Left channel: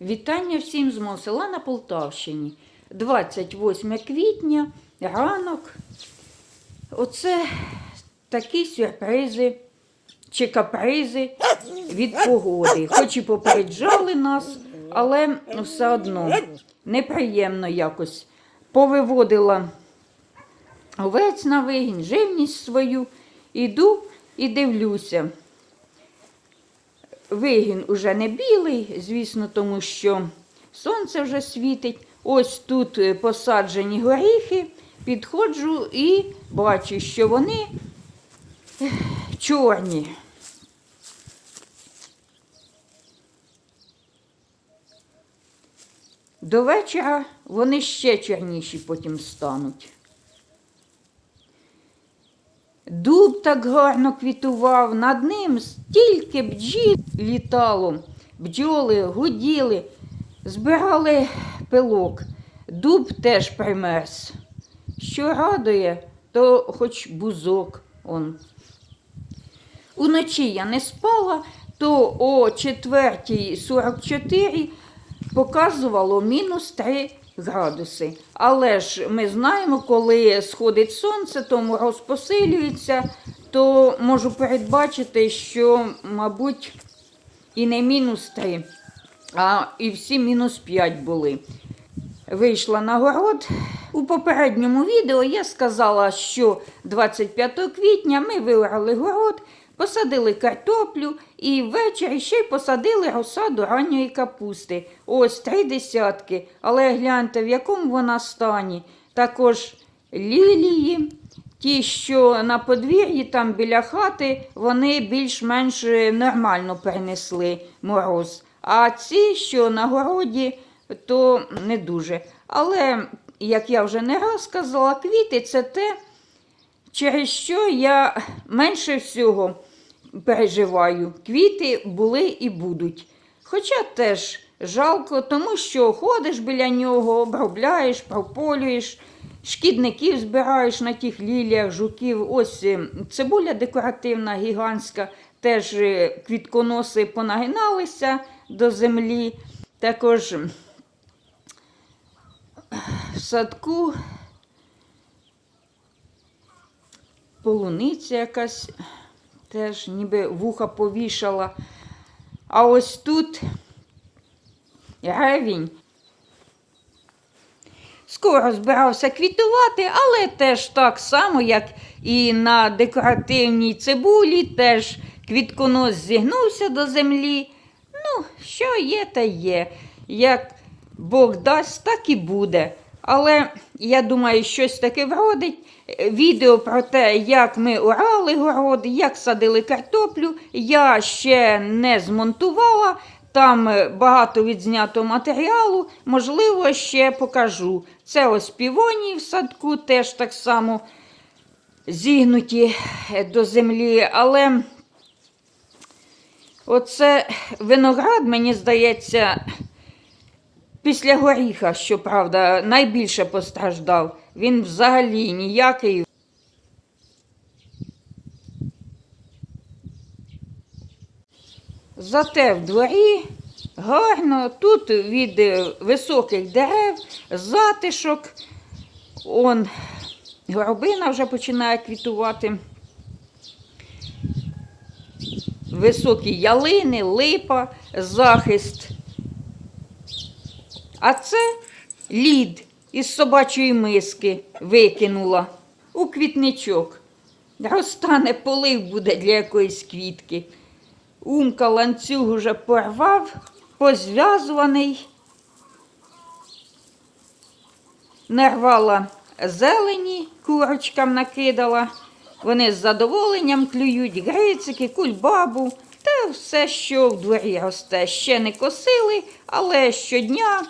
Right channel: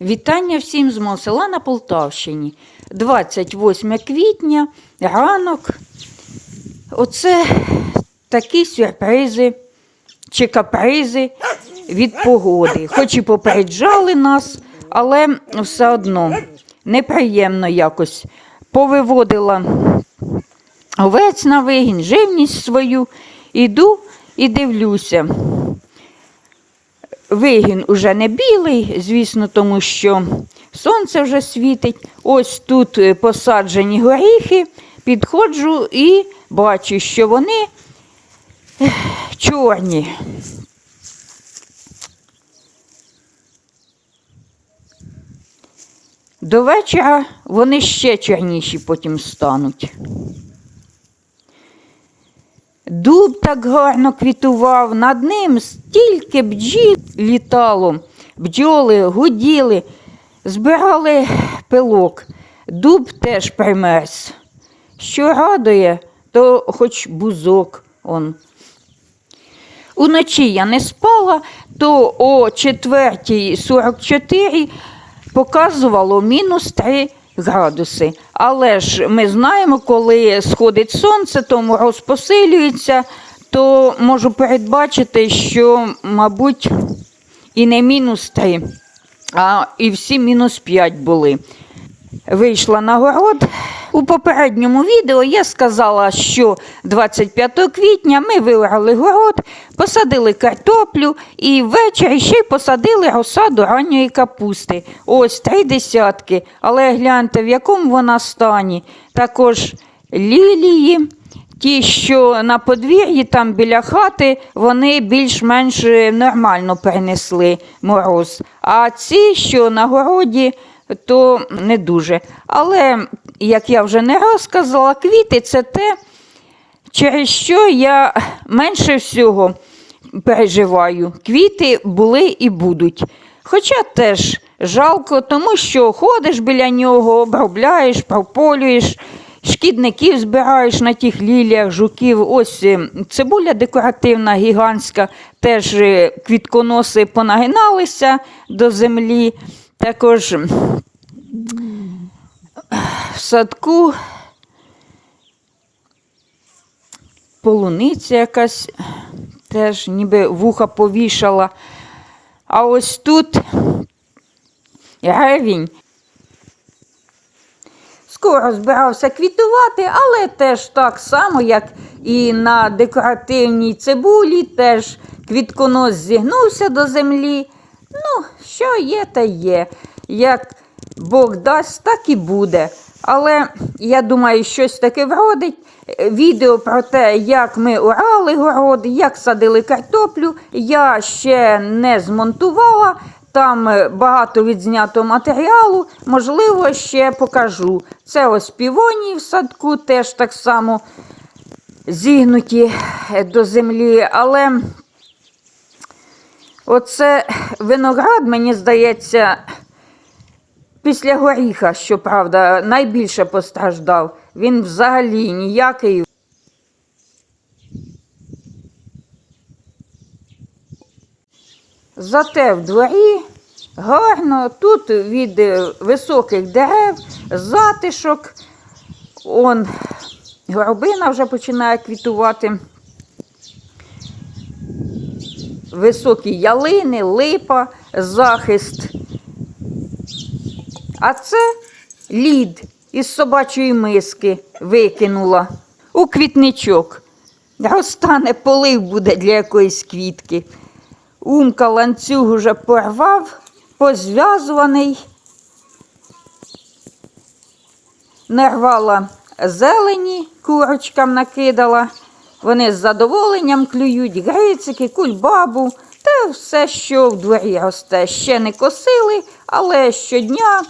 Вітання всім з мого на Полтавщині. 28 квітня, ранок. Оце такі сюрпризи чи капризи від погоди. Хоч і попереджали нас, але все одно неприємно якось повиводила овець на вигін, живність свою. Іду і дивлюся. Вигін уже не білий, звісно, тому що сонце вже світить. Ось тут е, посаджені горіхи, підходжу і бачу, що вони чорні. До вечора вони ще чорніші потім стануть. Дуб так гарно квітував, над ним стільки бджіл літало, бджоли гуділи, збирали пилок. Дуб теж примерз. Що радує, то хоч бузок он. Уночі я не спала, то о 4.44 показувало мінус 3 градуси. Але ж ми знаємо, коли сходить сонце, то мороз посилюється, то можу передбачити, що, мабуть, і не мінус 3, а і всі мінус 5 були. Вийшла на город. У попередньому відео я сказала, що 25 квітня ми виорали город, посадили картоплю і ввечері ще й посадили розсаду ранньої капусти. Ось три десятки. Але гляньте, в якому вона стані. Також лілії. Ті, що на подвір'ї, там біля хати, вони більш-менш нормально перенесли мороз. А ці, що на городі, то не дуже. Але, як я вже не раз сказала, квіти це те, через що я менше всього переживаю. Квіти були і будуть. Хоча теж жалко, тому що ходиш біля нього, обробляєш, прополюєш, шкідників збираєш на тих ліліях, жуків. Ось е, цибуля декоративна, гігантська, теж е, квітконоси понагиналися до землі. Також садку полуниця якась теж ніби вуха повішала. А ось тут ревінь. Скоро збирався квітувати, але теж так само, як і на декоративній цибулі, теж квітконос зігнувся до землі. Ну, що є, та є. Як Бог дасть, так і буде. Але я думаю, щось таке вродить. Відео про те, як ми орали город, як садили картоплю, я ще не змонтувала. Там е, багато відзнято матеріалу, можливо, ще покажу. Це ось півонії в садку, теж так само зігнуті е, до землі. Але оце виноград, мені здається, після горіха, щоправда, найбільше постраждав. Він взагалі ніякий. Зате в дворі гарно, тут від високих дерев, затишок. Он горобина вже починає квітувати. Високі ялини, липа, захист. А це лід із собачої миски викинула у квітничок. Розтане полив буде для якоїсь квітки. Умка ланцюг уже порвав, позв'язуваний. Нарвала зелені, курочкам накидала. Вони з задоволенням клюють грицики, кульбабу та все, що в дворі росте. Ще не косили, але щодня,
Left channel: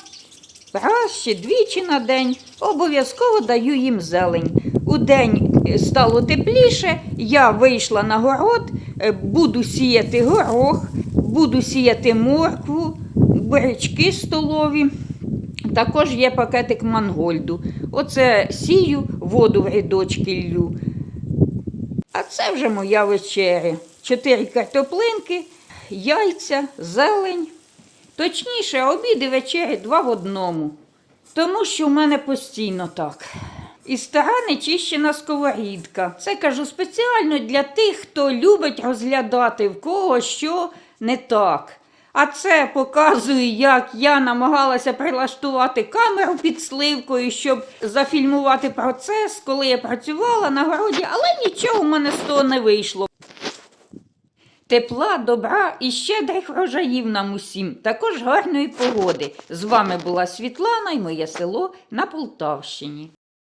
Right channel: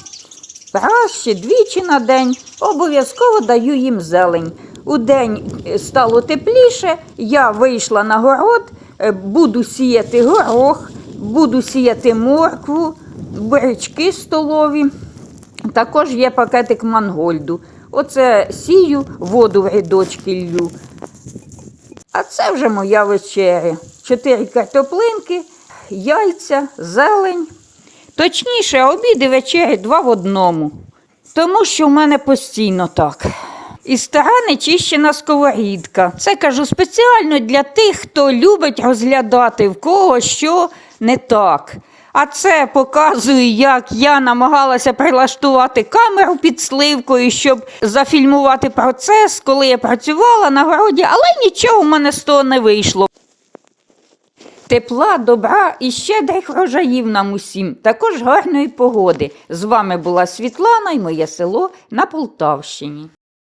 раз ще двічі на день, обов'язково даю їм зелень. У день стало тепліше, я вийшла на город, е, буду сіяти горох, буду сіяти моркву, бурячки столові. Також є пакетик мангольду. Оце сію, воду в рядочки лью. А це вже моя вечеря. Чотири картоплинки, яйця, зелень, Точніше, обід і вечері два в одному. Тому що в мене постійно так. І стара нечищена сковорідка. Це кажу спеціально для тих, хто любить розглядати в кого що не так. А це показує, як я намагалася прилаштувати камеру під сливкою, щоб зафільмувати процес, коли я працювала на городі, але нічого в мене з того не вийшло. Тепла, добра і щедрих врожаїв нам усім, також гарної погоди. З вами була Світлана і моє село на Полтавщині.